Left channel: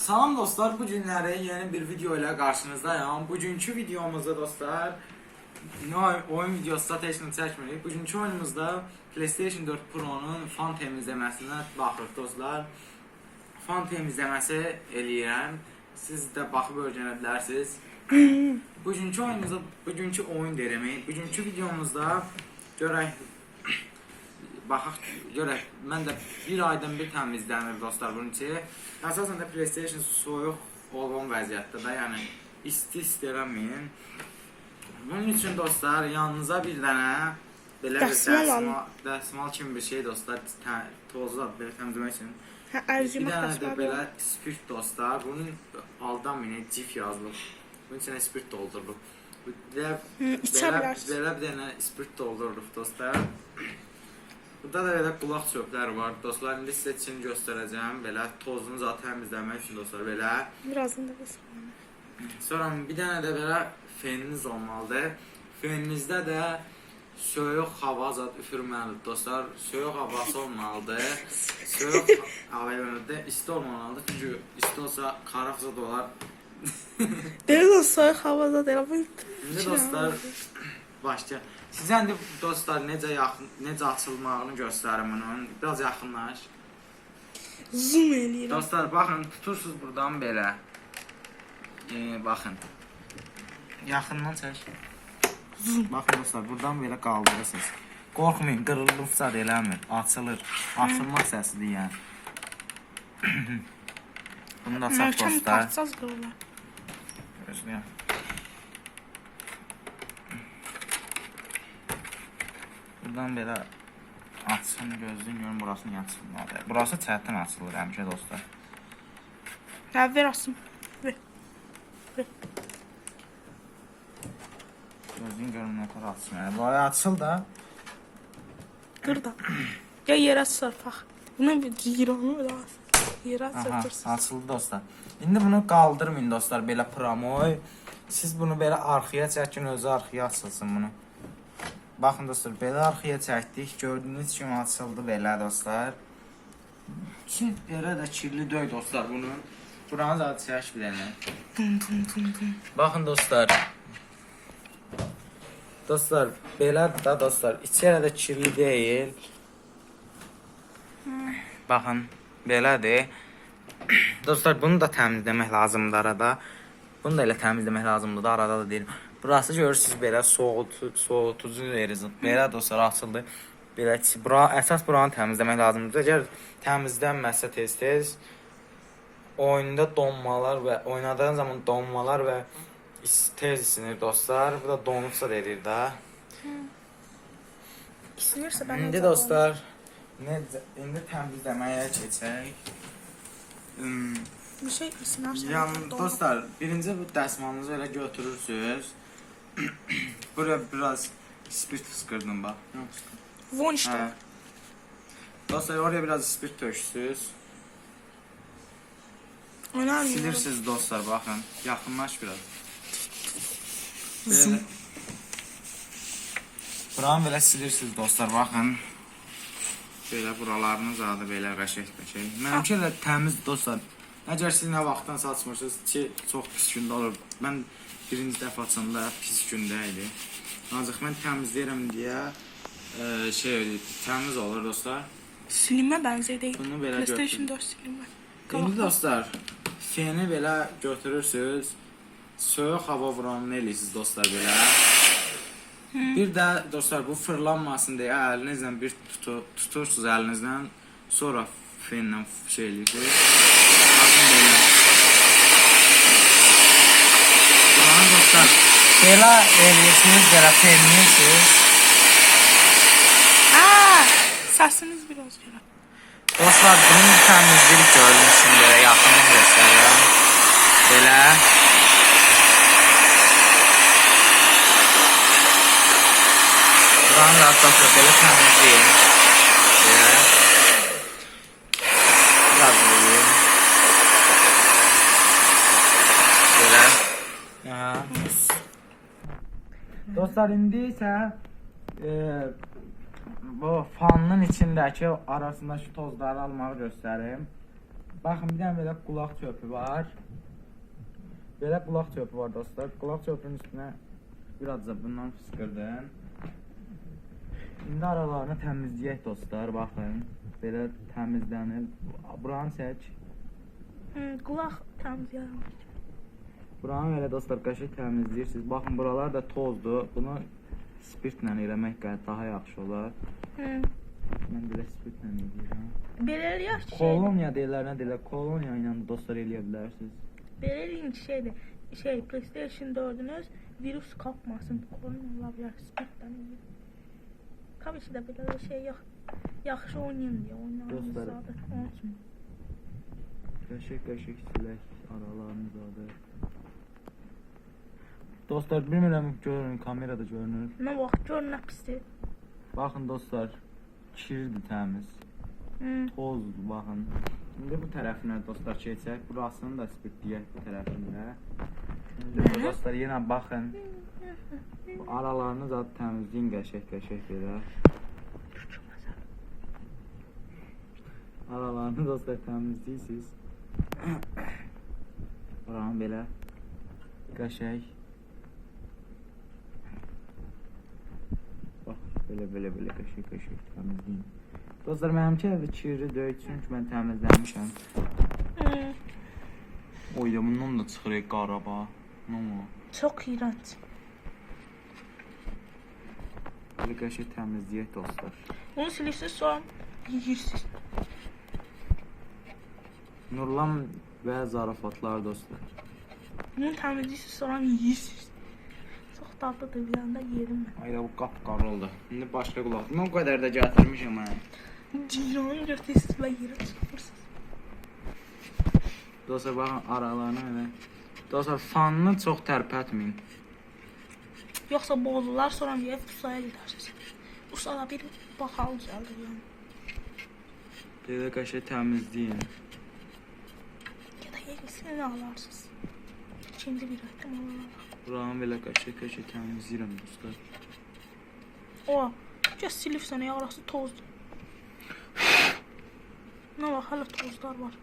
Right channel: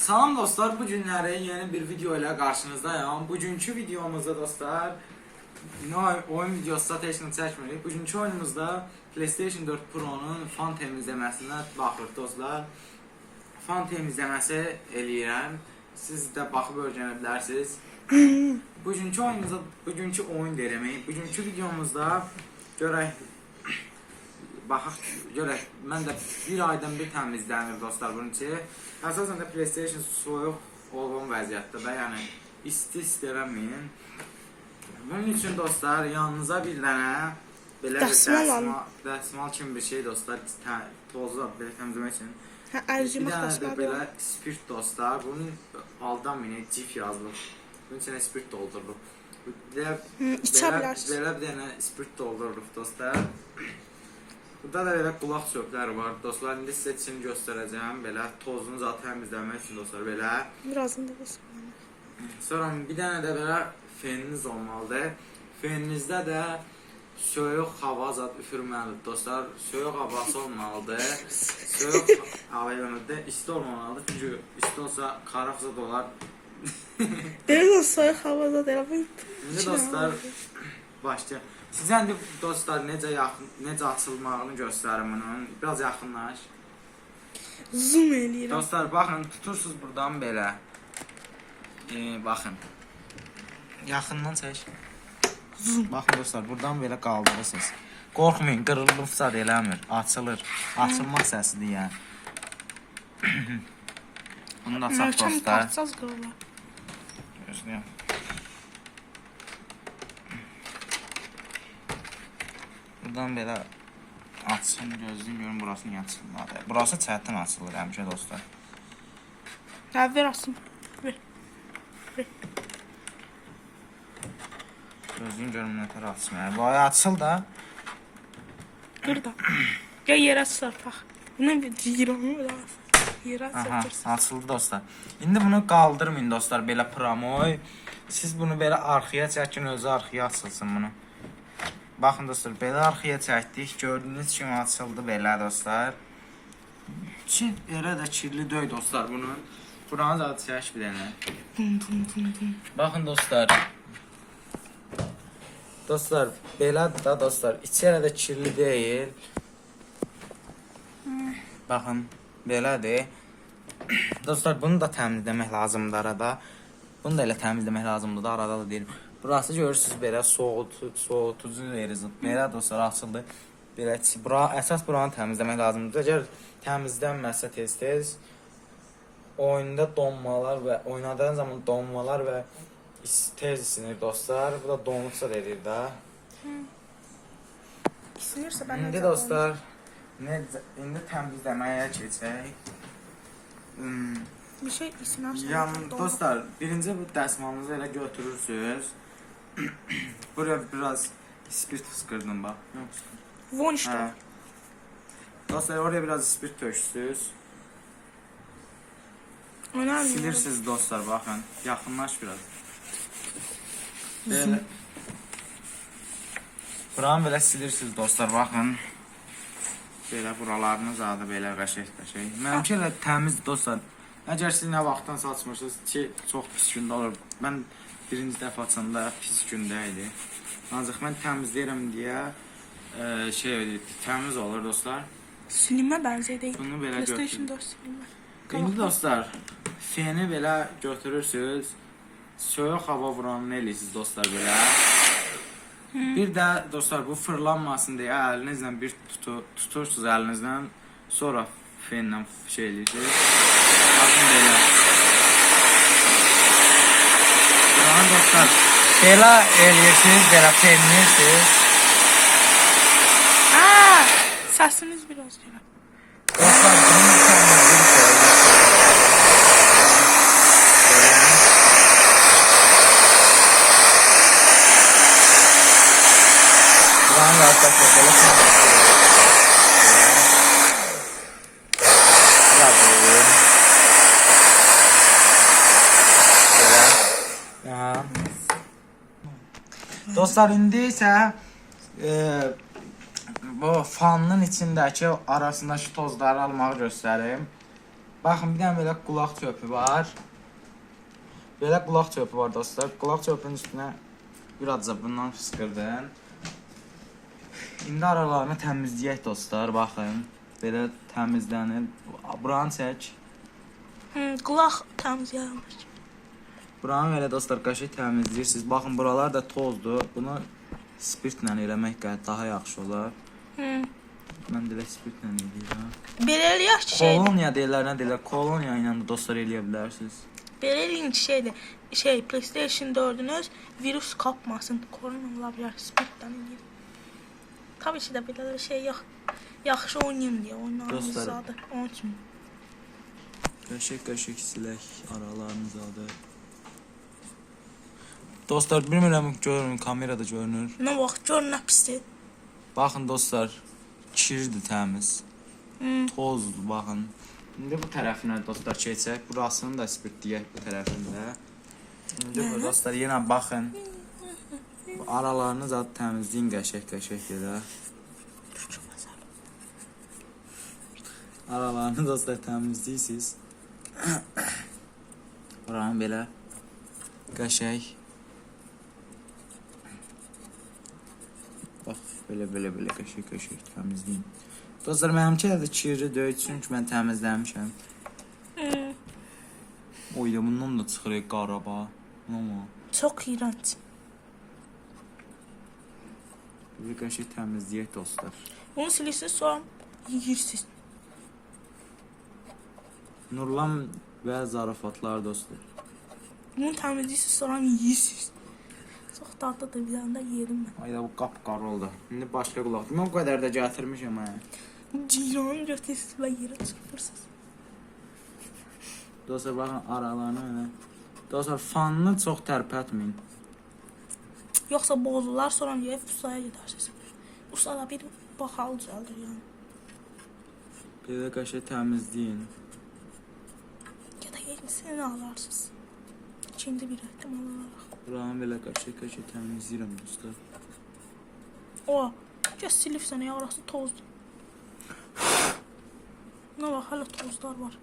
Salam dostlar, bu günləri yeni bir video ilə qarşınızdayım. Bugünkü videomuzda dostlar, oyun videosu da heç çəkmirik. Bugünkü oyunumuzda PlayStation 4 Pro-nun fan temizləməsinə baxırıq dostlar. Fan temizləməsi eləyirəm. Siz də baxıb öyrənə bilərsiniz. bugünkü oyunumuzda, bugünkü oyun deyirəm. Bugünkü videomuzda görək baxaq görək. Mən də bir aydan bir təmizlənir dostlar bunun için. Əsasən də PlayStation soyuq olan vəziyyətdə də, yəni isti istələməyin. Bunun üçün dostlar yanınıza bir dənə belə bir Dəsmal alın. dəsmal, dəsmal kimi bir şey dostlar, tə- tozu belə təmizləmək üçün. Hə, Bir ərcimək dənə də belə spirt dostlar. Bunun aldanmayın, cif yazılıb. Bunun içinə spirt doldurulub. Belə, belə, belə bir dənə spirt doldurulub dostlar. Burada da belə qulaq çöpləri var. Dostlar indi sizə için göstərəcəm. Belə tozunu zaten təmizləmək üçün dostlar belə. Birazdan da basın. Sonra bir dənə də belə feniniz olmalıdır. Feninizdə də soyuq hava zat üfürməlidir dostlar. Soyuq havası olmalıdır. Soyuq hava yönündə isti olmamalıdır. Çünki isti olsa qaraqsa dolar. Deyir o soyuq havada deyil. Bu İndi dostlar başqa. Sizə indi dostlar necə yaxın necə açılmağını göstərim bunun. Biraz yaxınlaş. zoom eləyirəm. Dostlar baxın tutursunuz buradan belə. Ee, baxın. Yaxından çək. Baxın dostlar buradan belə qaldırırsınız. Qorxmayın, qırılıbsa da eləmir. Açılır. Açılma səsidir yəni. Bunu da açaq Möhkəm dostlar. taxsaz qırılar. Buradan belə açsın, gözləyin görün burası niyə açılmadı. Burası çətin açılır həmişə dostlar. Hə, ver asım. Ver. Gözləyin görün nə tər açılır. Bu açıl da. Qır da. Gəl yerə çırpaq. Buna bir ciranı da. Yerə Aha, açıldı dostlar. İndi bunu qaldırmayın dostlar belə promoy. Siz bunu belə arxaya çəkin, özü arxaya açılsın bunu. Baxın dostlar, belə arxaya çəkdik. Gördüyünüz kimi açıldı belə dostlar. Ki yerə də kirli döy dostlar bunu. Buranı da çək bir dənə. Baxın dostlar. Dostlar, belədir da dostlar. İçi hələ də kirli deyil. Baxın, belədir. Dostlar, bunu da təmizləmək lazımdır arada. Bunu da elə təmizləmək lazımdır da arada da deyirəm. Burası görürsüz belə soğutu, soğutucu yeriz. Belə dostlar açıldı. Belə bura əsas buranı təmizləmək lazımdır. Əgər təmizlənməsə tez-tez oyunda donmalar və oynadığın zaman donmalar və tez isinir dostlar. Bu da donubsa verir də. İstəyirsə mən İndi dostlar, necə indi təmizləməyə keçək. Hmm, bir şey isinərsə. yan dostlar, birinci bu dəsmalınızı elə götürürsüz. Buraya biraz spirt fıskırdım. Yox, fıskırdım. Von işte. Dostlar, oraya biraz spirt töksüz. Önemli. Silirsiniz dostlar, baxın. Yaxınlaş biraz. Belə. Buranı belə silirsiniz dostlar, baxın. Belə buralarınız adı belə qəşəng-qəşəng. Mənimki elə təmiz dostlar. Əgər siz nə vaxtdan saçmırsınız ki, çox pis gündə olur. Mən birinci dəfə açanda pis gündə idi. Ancaq mən təmizləyirəm deyə e, şey təmiz olur dostlar. Silinmə bənzər deyil. Bunu belə PlayStation götür. 4 silinmə. İndi dostlar, feni belə götürürsüz. Soyuq hava vuranını eləyirsiniz dostlar belə. Bir də dostlar bu fırlanmasın deyə əlinizlə bir tutu, tutursunuz əlinizlə. Sonra fenlə şey eləyirsiniz. Baxın belə. Buranı dostlar belə eləyirsiniz, belə fenləyirsiniz. Aa! Səsiniz biraz gəlir. Dostlar bunu təmizləyirik gördüyünüz kimi belə yaxından göstərirəm. Belə. Buranı dostlar belə təmizləyirik. Belə. Biraz vereyim. Belə. Aha. Dostlar indi isə e, bu fanın içindəki arasındakı tozları almağı göstərim. Baxın, bir dənə belə qulaq çöpü var. Belə qulaq çöpü var dostlar. Qulaq çöpünün üstünə birazca bundan fıskırdın. İndi aralarını təmizləyək dostlar, baxın. Belə təmizlənir. Buranı çək. Hı, qulaq təmizləyirmiş. Buranı belə dostlar qəşəng təmizləyirsiniz. Baxın, buralar da tozdur. Bunu spirtlə eləmək daha yaxşı olar. Hı. Mən belə spirtlə eləyirəm. Belə eləyək ki, şey, Koloniya deyirlər, nə deyirlər? Koloniya ilə də dostlar eləyə bilərsiniz. belə eləyin ki, şeydir. Şey, PlayStation 4-ünüz virus kapmasın. Korona ola bilər, spirtdən eləyir. Tabii ki də belə şey yox. Yaxşı oynayım deyə Dostlar- zadı. Onun üçün. Qəşəng qəşəng silək aralarınız adı. Dostlar, bilmirəm görün, kamerada görünür. Nə vaxt gör nə pisdir. Baxın dostlar, kirdir təmiz. Hı. Tozdur, baxın. İndi bu tərəfinə dostlar keçək. Burasını da spirtləyək bu tərəfində. İndi bu dostlar yenə baxın. Bu aralarını zət təmizləyin qəşəng-qəşəng belə. Aralarını dostlar təmizləyirsiniz. Buranı belə qəşəng. Belə belə belə qəşəng qəşəng təmizləyin. Dostlar mənimki də kirli deyil çünki mən təmizləmişəm. Hı. Oyda bundan da çıxır qaraba. Amma Çox iyrənc. belə qəşəng təmizləyək dostlar. Bunu silirsiniz sonra yeyirsiniz. Nurlan və zarafatlar dostlar. Bunu təmizləyirsiniz sonra yeyirsiniz. Çox dadlıdır bir anda yerim mən. Ayda bu qapqarı oldu. İndi başqa qulaq. Mən o qədər də gətirmişəm mən. Ciranı götürürsünüz və yerə çıxırsınız. Dostlar baxın aralarını elə. Dostlar fanını çox tərpətməyin. Yoxsa bozular sonra bir ustaya gedərsiniz. Usta da bir baxal düzəldir yəni. Belə qəşəng təmizləyin. Ya da yenisini alarsınız. İkinci bir ehtimal olaraq. Buranı belə qəşəng-qəşəng təmizləyirəm dostlar. O, gəl silib sənə yarası tozdur. Nə var, hələ tozlar var.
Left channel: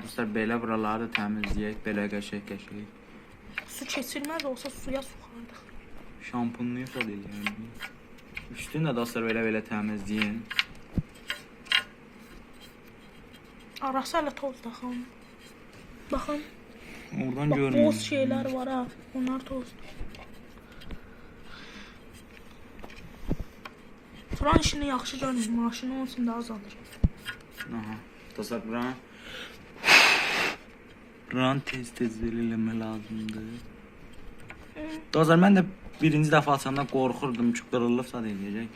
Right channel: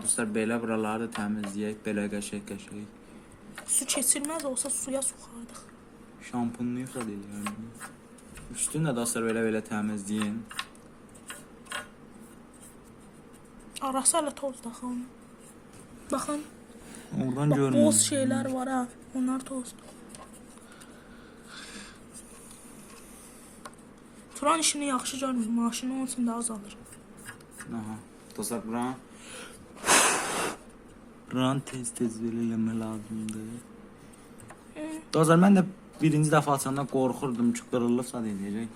Dostlar belə buraları da təmizləyək, belə qəşəng-qəşəng. Su keçirməz olsa suya soxardıq. Şampunluyuq da eləyərdim. Üstünü də dostlar belə-belə təmizləyin. Arası hələ toz daxın. Baxın, Oradan bax görünür. boz şeylər var ha. Onlar toz. Turan işini yaxşı görmür, maşını onun üçün də azalır. Aha. Dostlar buranı Buranı tez-tez eləmək lazımdır. Dostlar mən də birinci dəfə açanda qorxurdum ki, qırılıbsa da eləyəcək.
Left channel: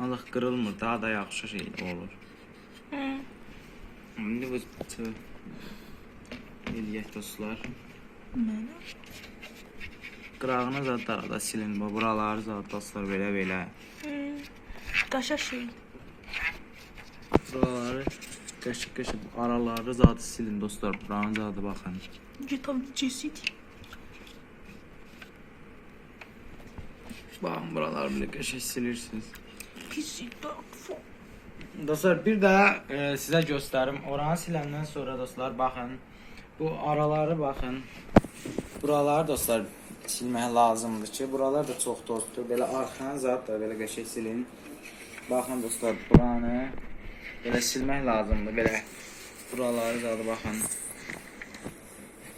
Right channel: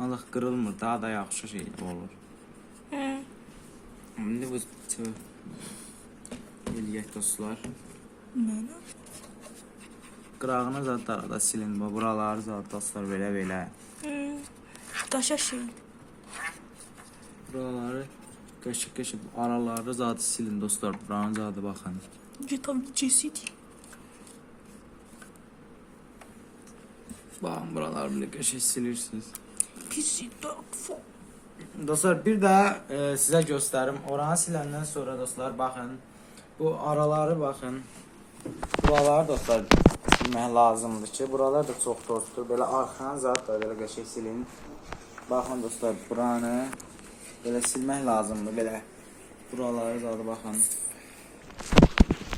Ancaq qırılmır, daha da yaxşı şey olur. Hı. İndi bütün eləyək dostlar. Mənə? Qırağını zadlara da silin, bax buraları zad dostlar belə-belə. Qaşa şey. Buraları qəşəng-qəşəng araları zad silin dostlar. Buranın zadı baxın. Gitar cesit. Baxın buraları belə qəşəng silirsiniz. Pisi dog fo. Dostlar bir də e, sizə göstərim. Oranı siləndən sonra dostlar baxın. Bu araları baxın. Buraları dostlar silmək lazımdır ki, buralar da çox tozdur. Belə arxanı zat da belə qəşəng silin. Baxın dostlar, buranı belə silmək lazımdır. Belə buraları da baxın.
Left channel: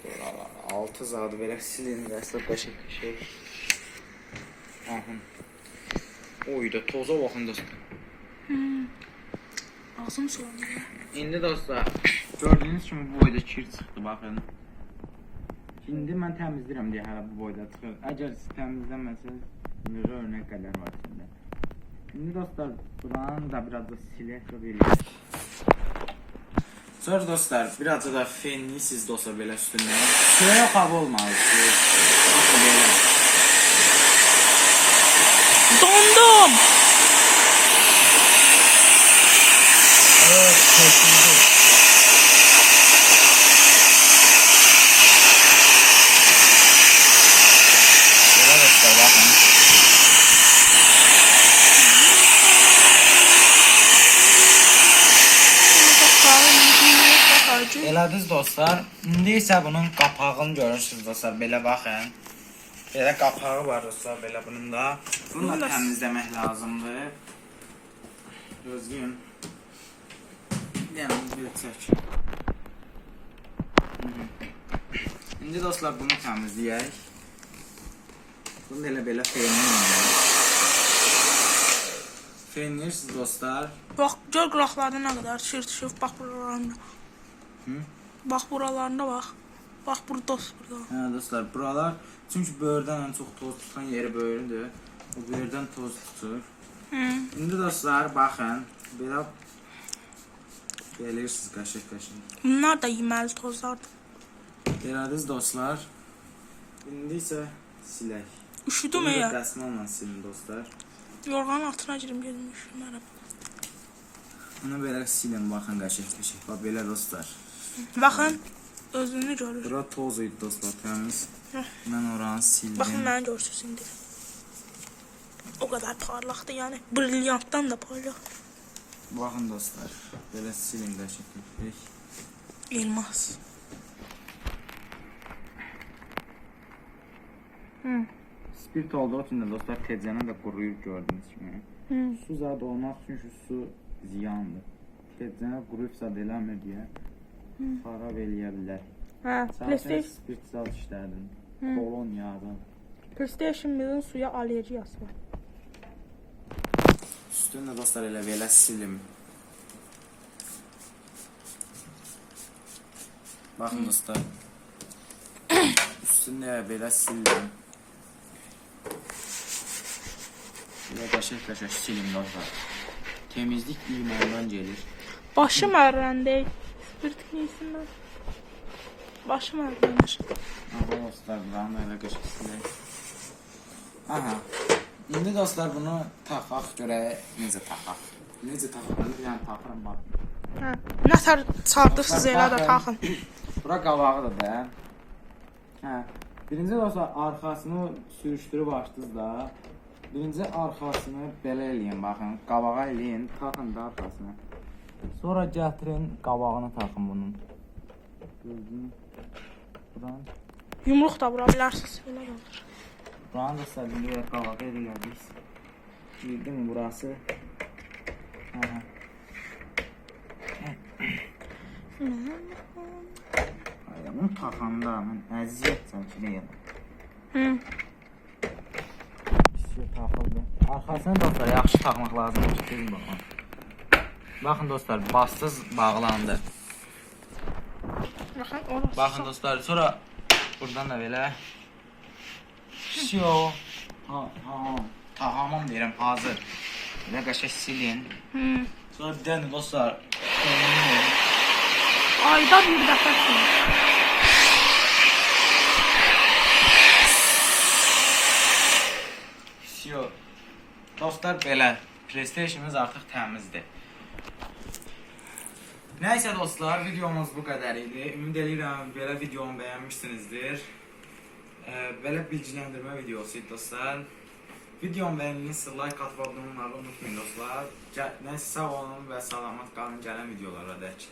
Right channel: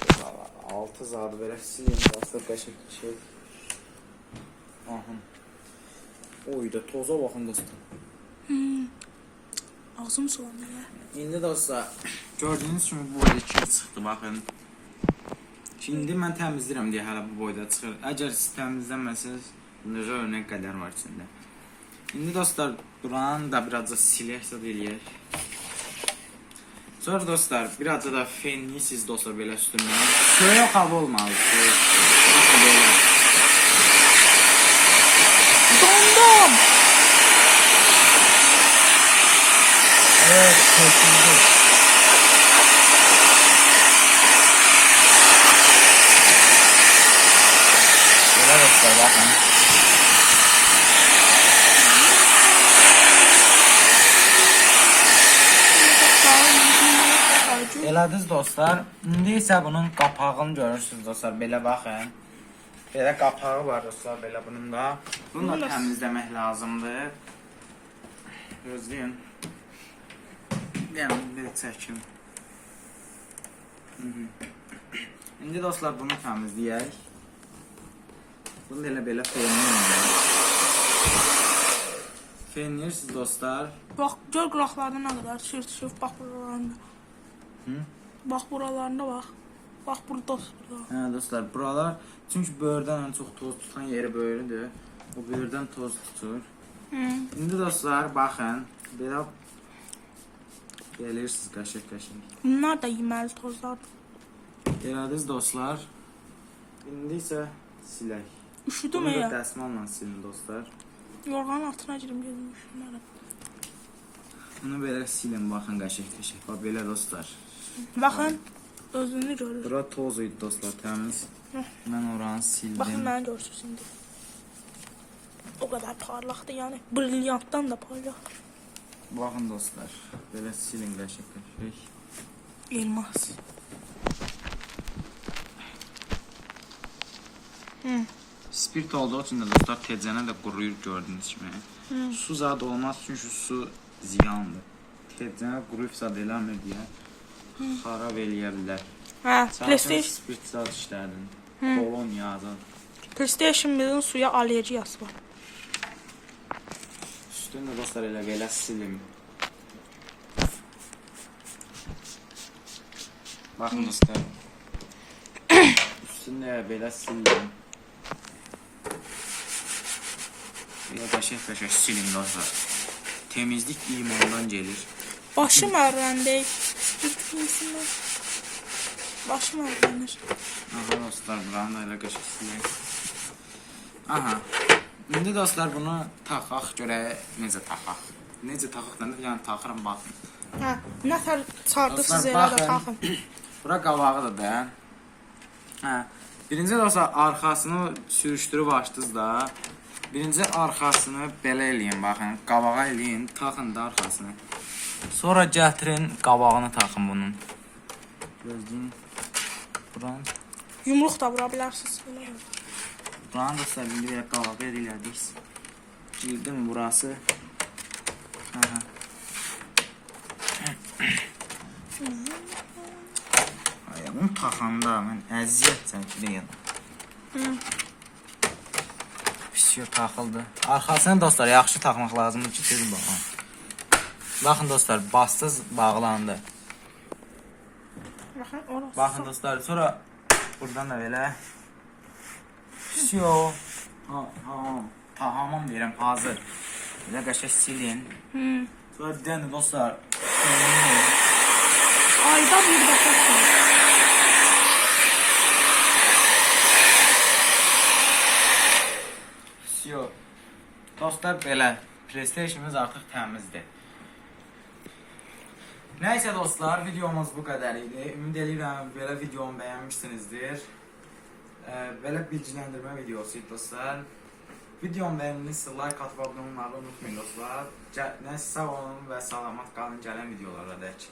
Buralar, Altı zadı belə silin. Dəstə qəşəng qəşəng. Baxın. Oy da toza baxın dostlar. Ağzım sulanıyor. ya. İndi dostlar, gördüyünüz kimi bu boyda kir çıxdı, baxın. Şimdi mən təmizləyirəm deyə hələ bu boyda çıxır. Əgər siz təmizləməsəz, necə örnək qədər var içində. İndi dostlar, buranı da birazca silək zad eləyək. Sonra dostlar, birazca da fenlisiz dostlar belə üstündən. Soyuq hava olmalı. Baxın belə. Dondum. Kesinlikle. Böyle dostlar bakın. İndi isə bunun qapağını görürsünüz dostlar. Belə baxın. Belə qapağı var dostlar, belə bunun da. Bunu da- təmizləmək lazımdır. Gözləyin. Bir çəkin. Mhm. İndi dostlar bunu təmizləyək. Bunu da elə belə fenləyək. Fenləyirsiniz dostlar. bax gör qıraqlarında nə qədər şir düşüb bax buralarında. Hı? Bax buralarında bax. Bax burada dost burada. Hə dostlar, buralar çünki böyürdən ən çox toz tutan yeri böyrüdür. O böyürdən toz tutur. Hı. İndi dostlar, baxın, belə gəlirsiniz qəşəng-qəşəng. Bunlar da yeməli tozlardır. Elədiniz dostlar. İndi isə silək. Üşüdüm Bunu da ya. dəsmalla silin dostlar. Yorğanın altına girim gedim üşümərəm. Bunu belə silin, baxın qəşəng-qəşəng. Bax belə dostlar. Baxın özünü görür. Bura toz idi dostlar, təmiz. Heh. Mən oranı sildim. Baxın məni görsünüz indi. O qədər parlaqdır, yəni brilyantdan da parlaq. Baxın dostlar, belə silin qəşəng-qəşəng. Elmas. Hı. Spirt olduğu üçün də dostlar tezcənə də quruyur gördüyünüz kimi. Hı. Su zad olmaz çünki su ziyandır. Tezcənə quruyub zad eləmir deyə xarab eləyə bilər. Hə, PlayStation, spirt zad işlədin. Hı. Kolonya zad. PlayStation 1-in suya allergiyası var. Üstünü də dostlar elə belə silim. Baxın dostlar. Üstünü də belə sildim. Belə qəşəng-qəşəng silin dostlar. Temizlik imandan gəlir. Başım ağrıyandı. Üstündən. Başım ağrıyanır. Aha dostlar buranı elə qəşəng silək. Aha. İndi dostlar bunu taxaq görək necə taxaq. Necə taxaq mən də yəni taxıram bax. Hə, nə tər Dostlar, elə də taxın. Bura qavağı da. Hə. Birinci dostlar arxasını sürüşdürüb açdınız da. Birinci arxasını belə eləyin baxın. Qavağa eləyin, taxın da arxasını. Sonra gətirin qabağını taxın bunun. Gözləyin. Buranı Yumruq da vura bilərsiniz. Belə olur. Buranı da səbirli bir qavağa elədik. Girdim burası. Aha. Ay, bunu taxanda mən əziyyət çəkirəm. Hı. Pisiyo taxıldı. Arxasını dostlar yaxşı taxmaq lazımdır ki, görün baxın. Baxın dostlar, bastız bağlandı. Baxın, orası. Baxın dostlar, sonra buradan da belə Pisiyo. Ha, ha. Tamam deyirəm, hazır. Belə qəşəng silin. Hı. Sonra bir dənə dostlar, Ayda bir dəfə sürür. Pisiyo. Dostlar belə, PlayStation'ımız artıq təmizdir. Nəysə dostlar, videomuz bu qədər idi. Ümid edirəm belə videomu bəyənmişsinizdir. Ə, belə bilgiləndirmə videosu dostlar. Videomu bəyəndinizsə like atıb abunə olmağı unutmayın dostlar. Nəysə sağ olun və salamat qalın gələn videolarda dək.